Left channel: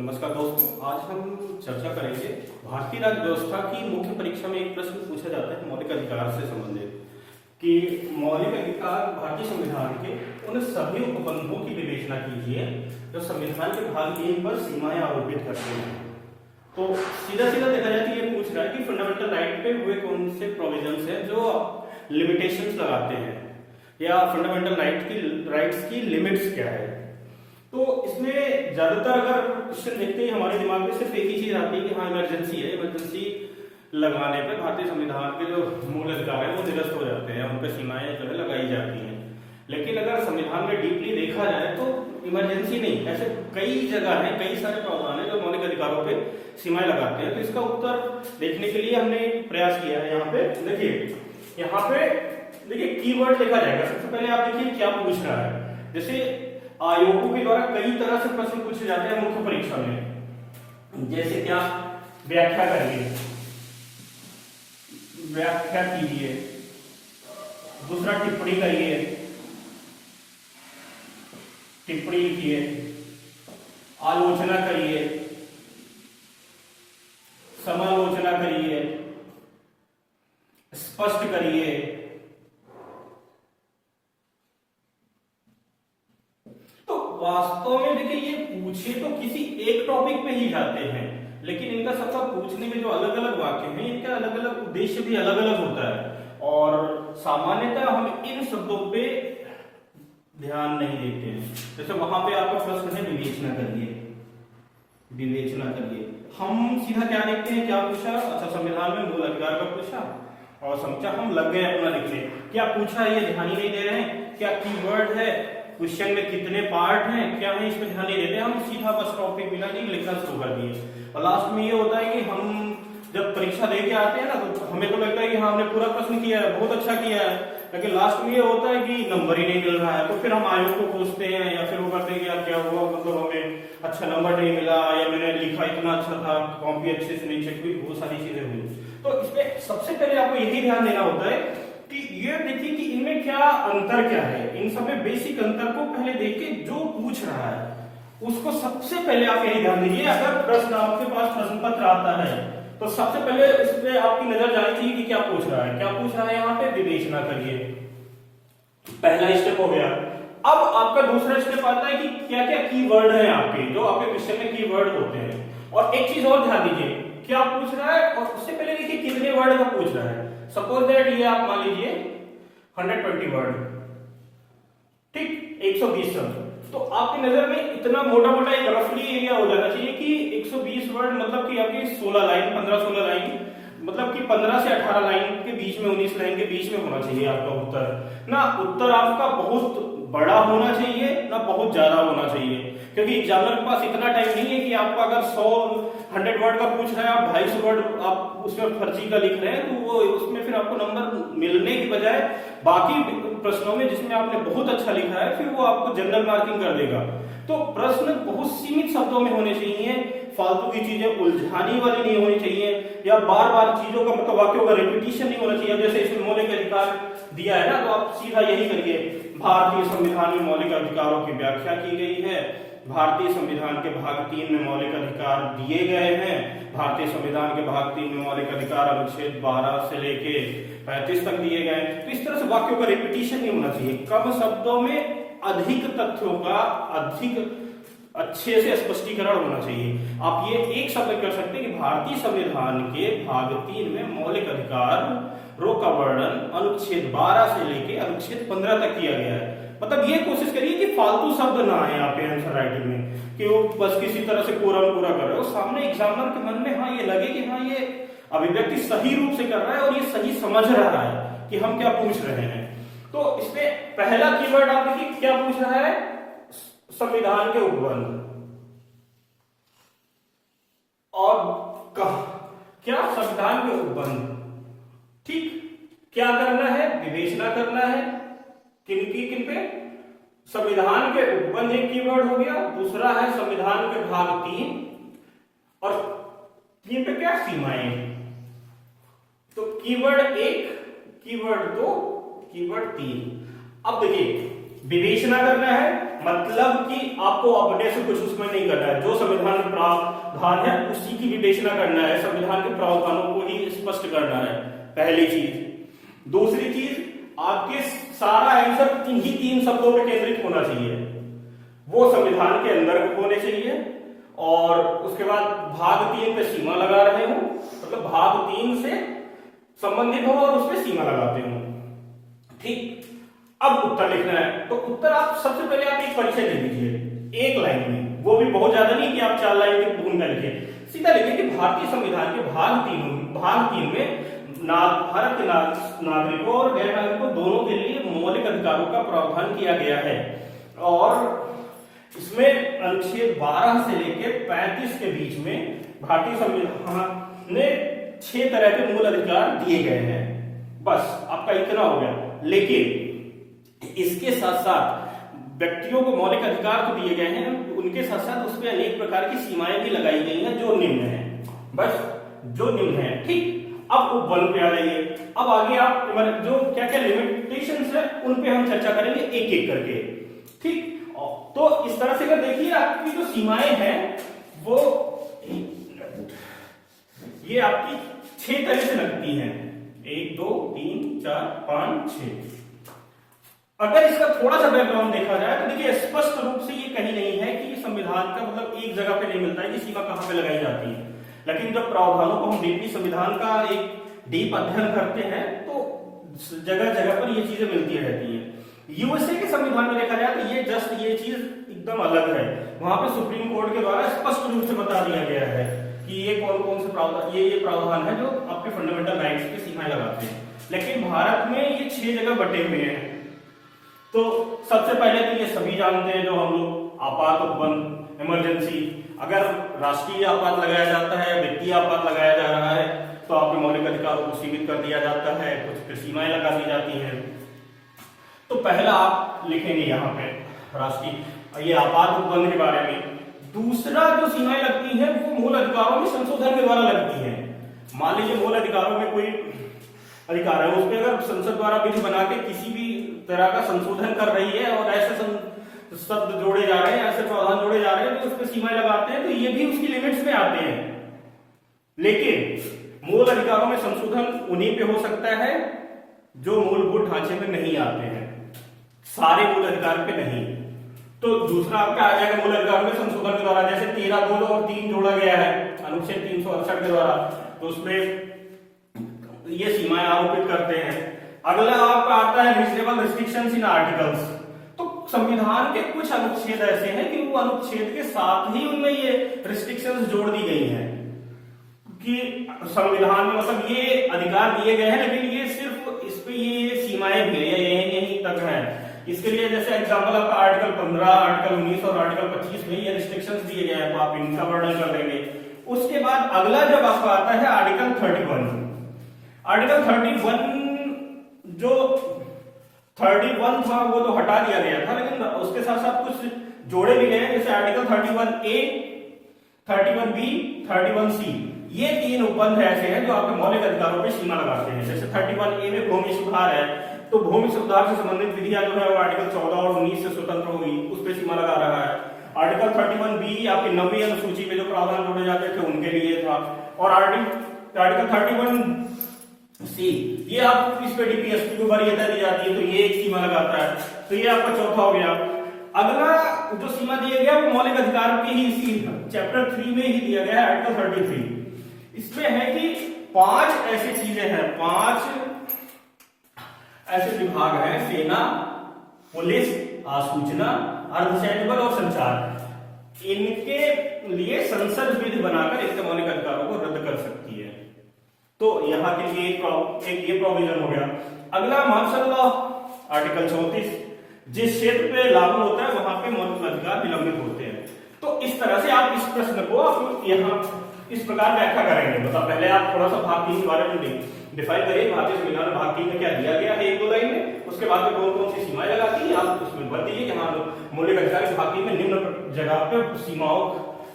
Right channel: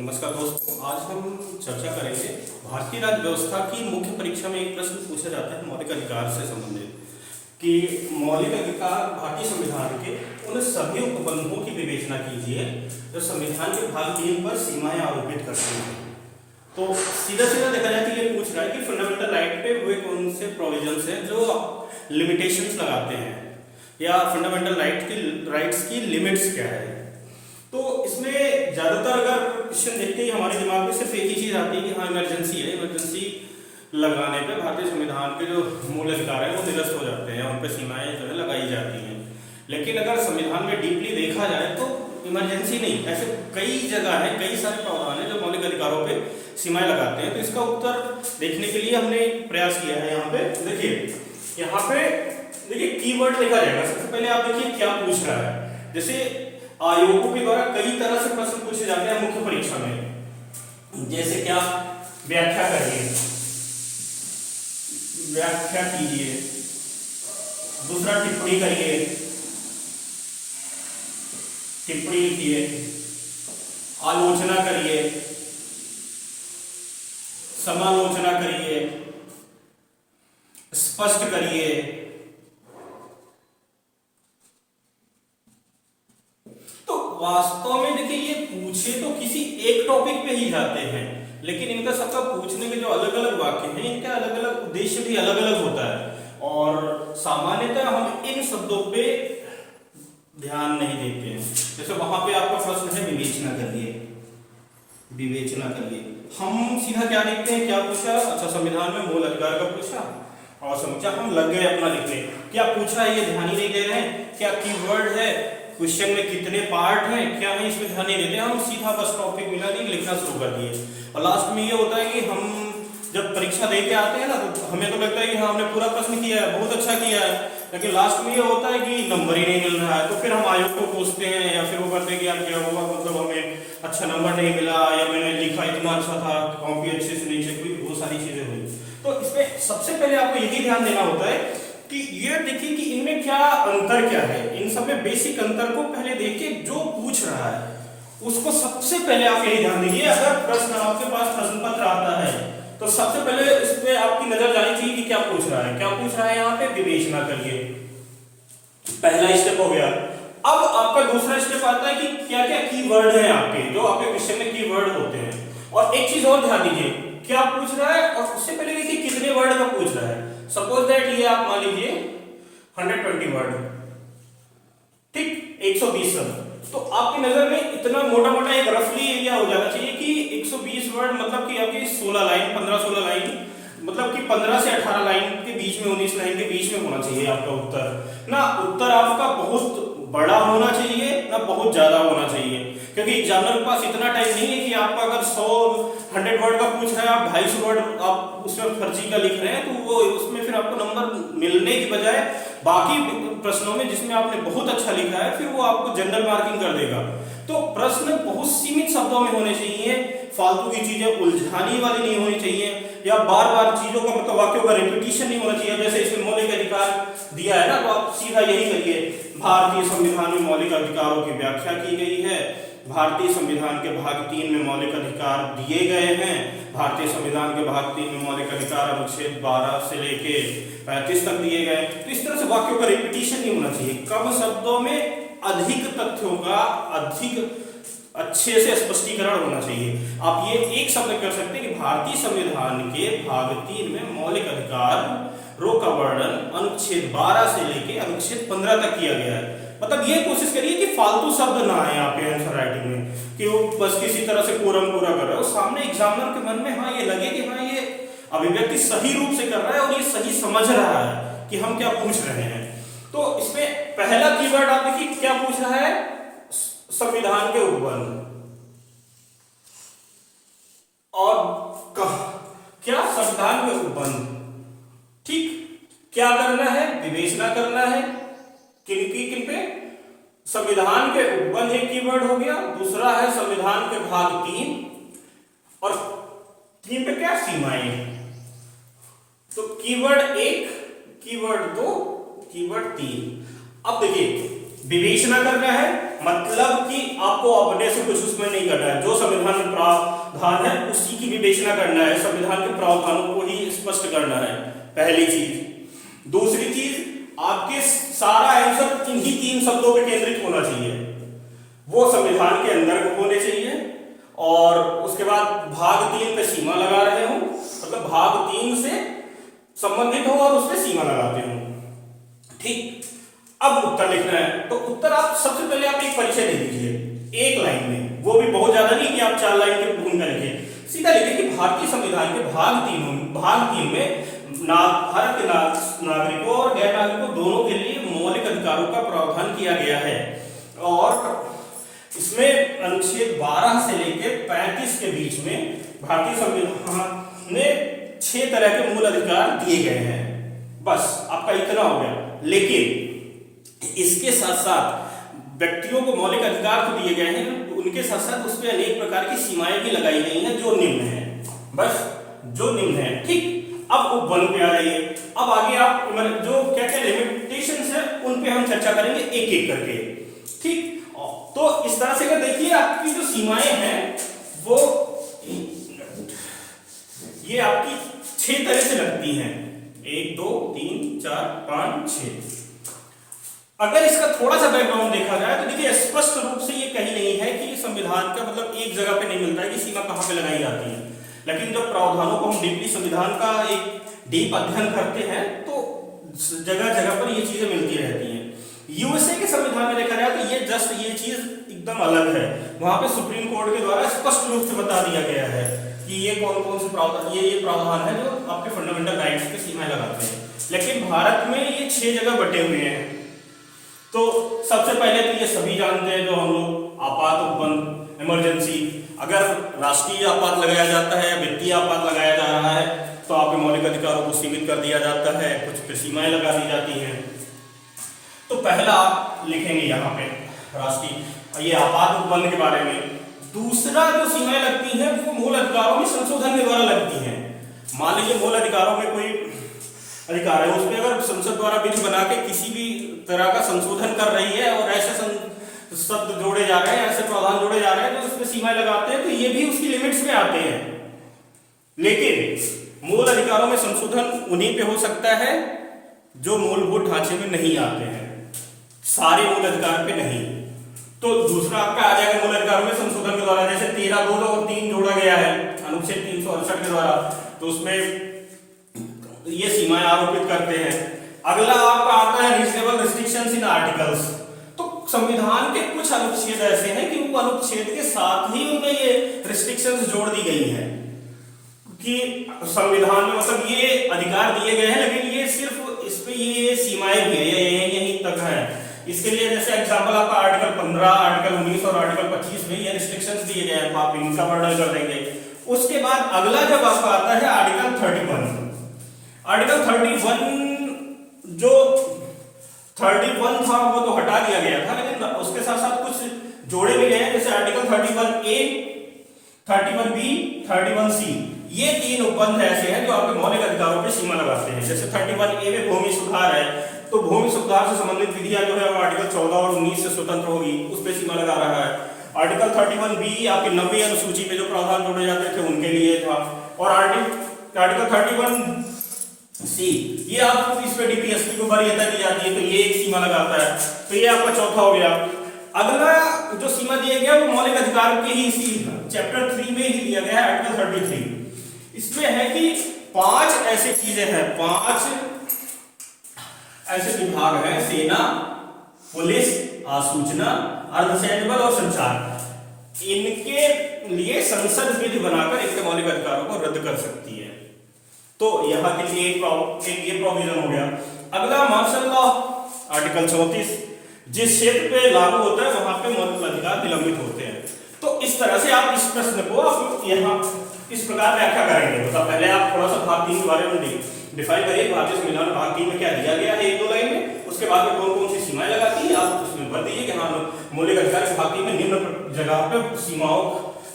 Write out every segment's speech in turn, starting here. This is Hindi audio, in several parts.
नमस्कार दोस्तों, आज हम चर्चा करेंगे भारतीय राज्य व्यवस्था की मुख्य परीक्षा में एक प्रश्न पूछा जाता है मौलिक अधिकार से संबंधित कि मौलिक अधिकार भारतीय संविधान के उन सभी उपबंधों की विवेचना कीजिए जो संविधान के भाग 3 पर सीमाएं आरोपित करते हैं। तो सीधा सीधा देखा जाए तो ये पूछ रहा है कि फंडामेंटल राइट पे वे कौन से प्रोविजंस हैं जो लिमिटेशंस लगाते हैं या फंडामेंटल राइट्स की लिमिट्स क्या है। तो इसमें ज्यादातर अगर क्वेश्चन देखते हैं हमारे दिमाग में सिर्फ एक ही चीज आती है कि हाँ इमरजेंसी है, इमरजेंसी लगाने पे भारतीय संविधान के जो मूल अधिकार है वो निरस्त हो जाते हैं, उन पर सीमाएं जो है लगाई जाती हैं। लेकिन अगर संविधान में डीपली देखा जाए तो इमरजेंसी नहीं, ऐसे कई जगह है, कई सारे प्रावधान है जो मौलिक अधिकारों पे सीमाएं लगाते हैं। तो इसका उत्तर देखने के लिए हमने प्रयास किया है। यहाँ पे देखिए कीवर्ड देखा जाएगा। सबसे पहले आप देखिए क्या पूछ रहा है। जैसे आयोगों के द्वारा कई तरह से प्रश्न पूछे जाते हैं मुख्य परीक्षा में। जैसे क्या, व्याख्या करिए, व्याख्या कीजिए। दूसरा टिप्पणी करिए, टिप्पणी लिखिए। आलोचना करिए, समालोचना करिए, स्पष्ट करिए। वास्तव में देखिए ये पूछे तो किसी एक टॉपिक पे ही जाते हैं, लेकिन इनका सबका पूछने के जो अलग अलग वाक्य हैं इनका अलग अलग उद्देश्य भी अलग अलग होता है और सामान्यतः हम इन शब्दों पे ध्यान नहीं देते हैं। जैसे वहां पे आपका प्रश्न है विवेचना करिए, विवेचना करिए। हम सीधा क्या देखते हैं, क्या पूछा, अच्छा संविधान में मूल अधिकार का पूछा और समझा, हम लग गए अपना लिखने। क्या पूछा ये ध्यान ही नहीं दे रहे हैं, क्या कीवर्ड है, क्वेश्चन में कितने पार्ट हैं, क्या है इसमें ध्यान नहीं देते। हम सीधा बस टॉपिक मिला नहीं लिखना शुरू कर दिए और लास्ट में ये होता है कि हम जब परीक्षा दे के आते हैं ना तो हमें तो लगता है कि हाँ हमने पूरा प्रश्न किया है, बहुत अच्छा किया है, लेकिन लास्ट में ये होता है कि नंबर ही नहीं मिल रहा है। तो फिर हम आयोग को पूछते हैं या फिर वो करते हैं कि यार क्या हुआ, मतलब हमें अच्छा नंबर नहीं मिला या मैंने लिखा इतना अच्छा था, कॉपी अच्छे से नहीं चेक हुई, बहुत सारी चीजें हुई। तो इसमें सबसे पहले आपको यही ध्यान देना होता है कि ये देखिए कि इनमें क्या अंतर क्या है। इन सब में बेसिक अंतर को पहले देखिए, जो पूछ रहा है उसको सबसे पहले आप यही ध्यान दीजिए। अगर प्रश्न आपके पास प्रश्न पत्र आता है तो सबसे पहले इस पे आपकी नजर जानी चाहिए कि क्या पूछ रहा है। क्या पूछ रहा है यहाँ पे, विवेचना करिए, पहला स्टेप हो गया। अब आपका दूसरा स्टेप आता है कि क्या क्या कीवर्ड है आपके, जो आपके क्वेश्चन में कीवर्ड होते हैं। और एक चीज और ध्यान दीजिए, क्या पूछ रहा है और उससे पहले देखिए कितने वर्ड का पूछ रहा है। सपोज दैट ये आप मान लीजिए 120 वर्ड, ठीक, 120 शब्द। तो आपकी नजर में इतना मोटा मोटा एक रफली एरिया हो जाना चाहिए कि 120 वर्ड मतलब कि आपकी 16 लाइन, 15-16 लाइन, मतलब कि 15 से 18 लाइन के बीच में, 19 लाइन के बीच में होना चाहिए आपका उत्तर। ना उत्तर आपका बहुत बड़ा होना चाहिए ना बहुत ज्यादा होना चाहिए, क्योंकि एग्जामिनर के पास इतना टाइम नहीं है कि आपका अगर 100 वर्ड का पूछ रहा है, आप 250 वर्ड आप उसमें फर्जी का लिख रहे हैं, तो वो उसमें फिर आपको नंबर मिलने की बजाय बाकी प्रश्नों में जिसमें आपने बहुत अच्छा लिखा है फिर वो आपको जनरल मार्किंग कर देगा। तो प्रश्न बहुत सीमित शब्दों में होने चाहिए, फालतू की चीजें उलझाने वाली नहीं होनी चाहिए या बार बार चीजों का मतलब वाक्यों का रिपीटिशन नहीं होना चाहिए। जैसे इसमें मौलिक अधिकार दिया है ना, तो आप सीधा यही करिए, भारतीय संविधान में मौलिक अधिकारों की व्याख्या की गई है, भारतीय संविधान के भाग 3 में मौलिक अधिकार दिए गए हैं, भारतीय संविधान के भाग 3 में मौलिक अधिकार अनुच्छेद 12 से लेके 35 तक दिए गए। तो इस तरह से वाक्यों का रिपीटिशन नहीं होना चाहिए, कम शब्दों में अधिक तथ्यों का अधिक अच्छे से स्पष्टीकरण होना चाहिए। आप ये एक शब्द कर सकते हैं कि भारतीय संविधान के भाग 3 में मौलिक अधिकारों का वर्णन अनुच्छेद 12 से लेके अनुच्छेद 15 तक किया गया है। मतलब ये कोशिश करिए कि फालतू शब्द ना आए आप आंसर राइटिंग में कि वो बस किसी तरह से कोरम पूरा कर रहे हो, सामने एग्जामिनर के मन में हाँ ये लगे कि हाँ ये अभिव्यक्ति सही रूप से कर रहा है और ये सही समझ रहा है कि हम क्या पूछ रहे हैं। तो इसमें पहला कीवर्ड आप देखिए क्या पूछ रहा है, संविधान के उपबंध। और क्या संविधान के उपबंध, ठीक, क्या करना है, विवेचना करना है किन पे, संविधान के उपबंध एक कीवर्ड हो गया, दूसरा है संविधान के भाग 3 और 3 पे क्या, सीमाएं। तो कीवर्ड 1, कीवर्ड 2, कीवर्ड 3। अब देखिए विवेचना करना है मतलब कि आपको अपने से कुछ उसमें नहीं करना है, जो संविधान में प्रावधान है उसी की विवेचना करना है, संविधान के प्रावधानों को ही स्पष्ट करना है, पहली चीज। दूसरी चीज, आपके सारा आंसर इन्हीं 3 शब्दों पे केंद्रित होना चाहिए, वो संविधान के अंदर होने चाहिए, और उसके बाद भाग 3 पे सीमा लगा रहे हो, मतलब भाग 3 से संबंधित हो और उस पे सीमा लगाते हो। ठीक, अब उत्तर लिखना है, तो उत्तर आप सबसे पहले आप एक परिचय दे दीजिए 1 लाइन में, वो भी बहुत ज्यादा नहीं कि आप 4 लाइन की भूमिका लिखें, सीधा लिखें कि भारतीय संविधान के भाग 3 में भारत के नागरिकों और गैर नागरिकों दोनों के लिए मौलिक अधिकारों का प्रावधान किया गया है, और इसमें अनुच्छेद 12 से लेकर 35 के बीच में भारतीय संविधान ने 6 तरह के मूल अधिकार दिए गए हैं। बस आपका इतना हो गया। लेकिन इसके साथ साथ व्यक्तियों को मौलिक अधिकार तो दिए गए हैं, उनके साथ साथ उसमें अनेक प्रकार की सीमाएं भी लगाई गई हैं जो निम्न है, बस जो निम्न है। ठीक, अब उप 1 पे आ जाइए। अब आगे आप जो क्या क्या लिमिटेशंस है उन पे हम चर्चा करेंगे एक एक करके। ठीक, तो इस तरह से अगर देखिए आपकी जो सीमाएं हैं वो ये आपकी 6 तरह से लगती हैं, 1 2 3 4 5 6। अगर इसका थोड़ा सा बैकग्राउंड देखा जाए तो देखिए स्पष्ट रूप से ये कहीं नहीं है कि संविधान का मतलब एक जगह पे नहीं मिलता है कि सीमा कहां पे लगाई जाती है, लेकिन जब प्रावधानों को हम डीपली संविधान का एक डीप अध्ययन करते हैं तो जगह जगह पर ये चीजें मिलती रहती हैं। यूएसए के संविधान में देखा जाए तो ये चीज एकदम अलग है, वहां पे सुप्रीम कोर्ट के द्वारा स्पष्ट रूप से बता दिया गया है कि ये कौन कौन से प्रावधान ये प्रावधान है जो आपके फंडामेंटल राइट्स पे सीमाएं लगाते हैं। लेकिन भारत में ये 6 जगह बटे हुए हैं। तो सबसे पहले तो ये सभी जानते हैं जो हम लोग आपात उपबंध, इमरजेंसी, अगर राष्ट्रीय आपात लगाया जाता है, वित्तीय आपात लगाया जा रहा है तो आपके मौलिक अधिकारों को सीमित कर दिया जाता है, कुछ पे सीमाएं लगा दी जाती हैं। तो पहला आप लिखेंगे यहाँ पे राष्ट्रीय ये आपात उपबंध के बारे में। दूसरा जो सीमाएं लगती हैं वो मूल अधिकारों में संशोधन के द्वारा लगती हैं। मान लीजिए मूल अधिकारों में कोई अधिकार है, उस पर अगर संसद द्वारा विधि बना के किसी भी तरह का संशोधन कर रही है और ऐसे शब्द जोड़े जा रहे हैं, ऐसे प्रावधान जोड़े जा रहे हैं तो उस पर सीमाएं लगाते हैं, तो ये भी उसकी लिमिट्स में आते हैं। लेकिन मूल अधिकारों में संशोधन उन्हीं पे हो सकता है जो मूलभूत ढांचे में नहीं आते हैं, सारे मूल अधिकार पे नहीं। तो दूसरा आपका आ जाएगा मूल अधिकारों में संशोधन के द्वारा, जैसे 13, 2 और 3 जोड़ा गया है अनुच्छेद 368 के द्वारा, तो उसमें ये सीमाएं आरोपित करते हैं। अगला आपका आता है रीजनेबल रिस्ट्रिक्शंस इन आर्टिकल्स। तो संविधान के कुछ अनुच्छेद ऐसे हैं कि वो अनुच्छेद के साथ ही उनमें ये रिस्ट्रिक्शंस जोड़ दी गई हैं कि संविधान में मतलब ये अधिकार दिए गए हैं, लेकिन ये सिर्फ इस पे ये सीमाएं भी है, यहीं तक हैं। इसके लिए जैसे एग्जांपल आपका आर्टिकल 15, आर्टिकल 19 और आर्टिकल 25 में ये रिस्ट्रिक्शंस दिए गए हैं, आप इनका वर्णन कर देंगे। उसके बाद अगला जब आपका आता है आर्टिकल 31। आर्टिकल 31 जो 31 था वो तो हटा दिया गया था, लेकिन उसके साथ साथ कुछ जोड़े भी गए हैं, जैसे आर्टिकल 31A, 31B, 31C। ये 3 उपबंध ऐसे हैं जो आपके मौलिक अधिकारों पे सीमा लगाते हैं। जैसे 31A में भूमि सुधार है, तो भूमि सुधार से संबंधित विधियां जो है वो आर्टिकल 14 और 19 से स्वतंत्र होगी, उस पे सीमा लगा रहा है। आर्टिकल 31B आपकी 9वीं अनुसूची में जो प्रावधान जोड़े जाते थे उनके लिए था, और आर्टिकल 31C ये आपको इस पे डीपीएसपी को वरीयता दी जाती है, तो ये एक सीमा लगाता है। तो ये आपका चौथा हो गया। अगला जो सीमा दिया गया वो मौलिक अधिकार के ही इसी चैप्टर 3 में ही दिया गया है, आर्टिकल 33। इसमें है कि 5 ऐसी चीजें हैं, 5 ऐसे विभाग हैं, सेना, पुलिस, आसूचना, अर्धसैनिक बल और संचार। इनके लिए संसद विधि बनाकर इनके मौलिक अधिकारों को रद्द कर सकती है। तो यहाँ के लिए एक ये प्रोविजन हो गया। अगला मार्शल लॉ, आर्टिकल 34, जिस क्षेत्र पे लागू होता है वहां पे मौलिक अधिकार निलंबित होते हैं। तो इस तरह से आप इस प्रश्न को आप यहाँ इस प्रकार व्याख्या करेंगे। मतलब पहले आप थोड़ा सा भाग 3 के बारे में डिफाइन करिए, भारतीय संविधान में भाग 3 में क्या दिया गया है 1-2 लाइन में, उसके बाद में कौन कौन सी सीमाएं लगाती हैं आप उसमें भर दीजिए कि हाँ मौलिक अधिकार भाग 3 में निम्न जगह पे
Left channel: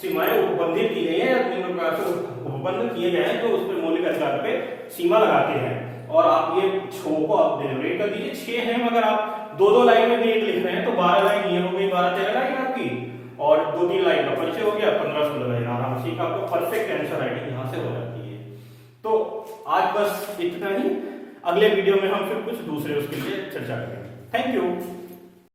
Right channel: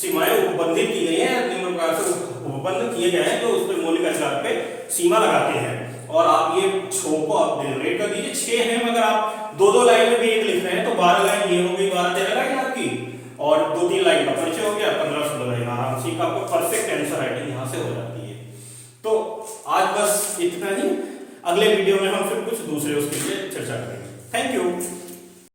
सीमाएं उपबंधित की गई है, निम्न प्रकार से उपबंध किए गए हैं जो उस पर मौलिक अधिकार पे सीमा लगाते हैं। और आप ये 6 को आप डेलिब्रेट कर दीजिए, 6 हैं, मगर आप दो दो लाइन में भी एक लिख रहे हैं तो 12 लाइन ये हो गई, 12-13 लाइन आपकी, और 2-3 लाइन का परिचय हो गया, 15-16 लाइन आराम से आपको परफेक्ट आंसर राइटिंग यहाँ से हो जाती है। तो आज बस इतना ही, अगले वीडियो में हम फिर कुछ दूसरे उसके लिए चर्चा करेंगे। Thank you.